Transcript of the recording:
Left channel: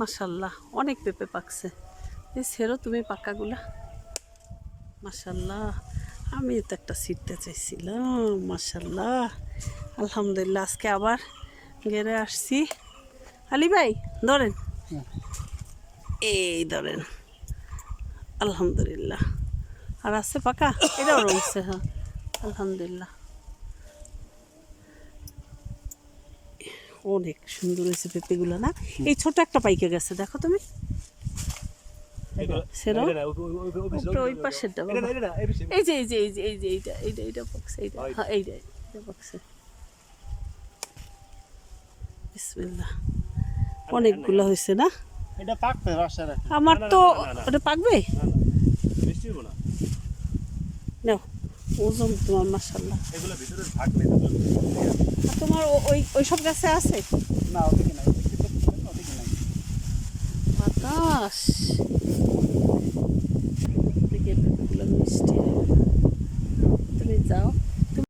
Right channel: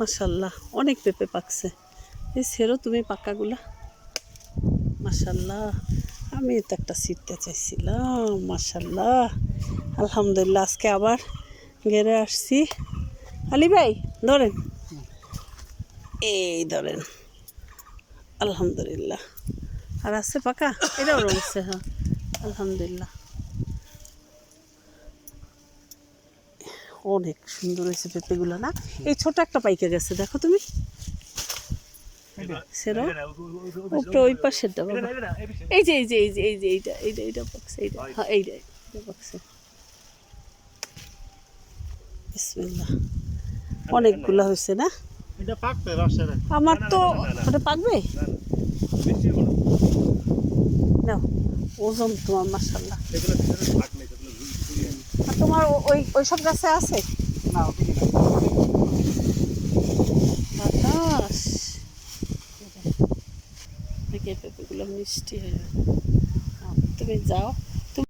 মাশাল্লাহ অনেক পেঁপে পাকছে। এই ছেড়ো তুমি পাকাগুলা। মাশাল্লাহ আমি তো একটা ছিটতে চাইছিলাম। মাশাল্লাহ আলহামদুলিল্লাহ আজকে আবার গেড়ে আসছি। আলী ভাই ধরেন, এই ধরেন আলহামদুলিল্লাহ। আর আছে পাকা, এটাও রয়েছে। হ্যাঁ আলহামদুলিল্লাহ অনেক সুন্দর হয়েছে পেঁপেগুলো না। এই ছোট একটা পাইকে গেছে দেখো তুমি, সেরো ওই পাশেরটা বাবা। এই যে এই যে এই যে এই যে এইটা এইটা এইটা পাকছে, এইটা হ্যাঁ এইটা এইটা পাকছে। বিসমিল্লাহ অনেকগুলো হয়েছে না। আমার তো ওটা পাকবে না, ওজন তোমার মাশাল্লাহ। আর তোমার ওই ওই সব গাছে আছে বাতাস থেকে পেঁপেগুলো মিষ্টি। তুমি যাও।